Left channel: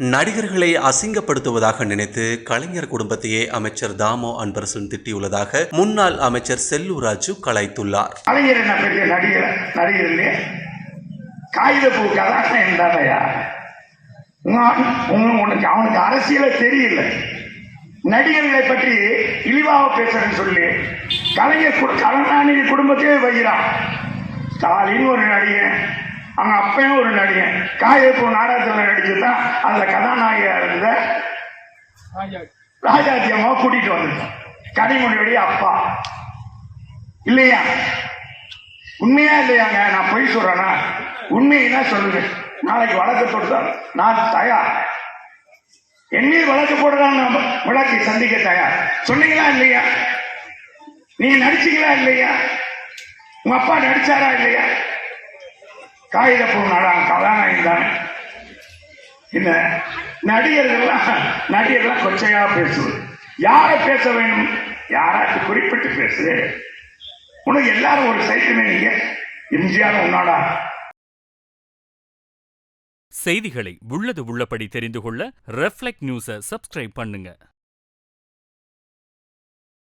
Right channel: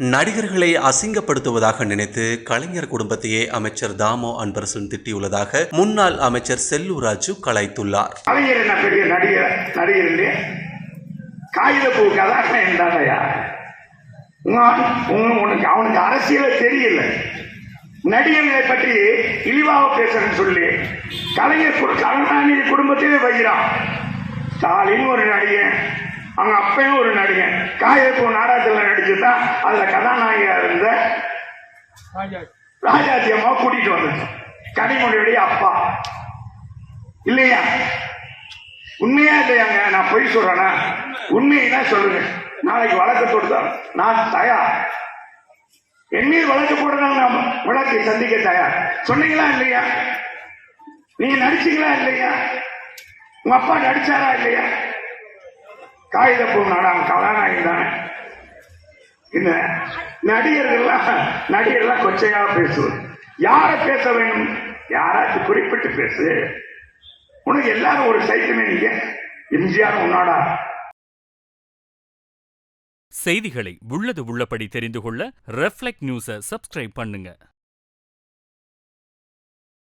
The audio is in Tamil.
நடிகர்களை அசிங்கப்படுத்துவதாக நினைத்து கலைஞர் குடும்பத்தையே அமைச்சர் தாமோ அன்பரசன் திட்டியுள்ளதாக முன்னாள் அமைச்சர் செல்லூர் ராஜு கலாய்த்துள்ளார். அவனுக்கு அரசியல தெரியல, நடிகர்களை பற்றி இழிவாக பேசுறேன்னு சொல்லி கலைஞர் கருணாநிதி குடும்பத்தையே வைக்கிறான். ஸ்டாலின் ஒரு நடிகன், அவங்க அப்பயும் ஒரு நடிகன், காயப்பூ நாடகத்தில் நடிச்சுதான் அதுல கதாநாயகா இருந்த ராஜாத்தி அம்மா கூட்டிட்டு வந்து கனிமொழியுடைய அப்பா இல்லையா? உண்மையா இல்லையாங்க? நான் பொய் சொல்றேன்னா உண்மையா சொல்லுங்க. நாளைக்கு வழக்கு தொடுத்தார், நான் தயார். என்னையும் வழக்கு போடுறாங்க, நம்ம வழக்கை சந்திக்க தயார். சொன்னீங்களா இல்லையா? நீங்க நடிச்சீங்களா இல்லையா? உங்க அப்பா நடிச்சாரா இல்லையா? காயப்பூ நாடகம் கதாநாயகன் தானே. இந்த நடிகர்கள்லாம் கொச்சையாக பேசுது. யார பேச வேணும்? யாராச்சும் குறிப்பிட்டு பேசு. உனக்கு எல்லாரும் ஒரு சைக்கிள், நீங்க எம்ஜிஆர் உன்னாடா. செய்திகளை உள்ளது உள்ளபடி தெரிந்து கொள்ள ரெஃப்ளெக்ட் நியூஸை சப்ஸ்கிரைப் பண்ணுங்க.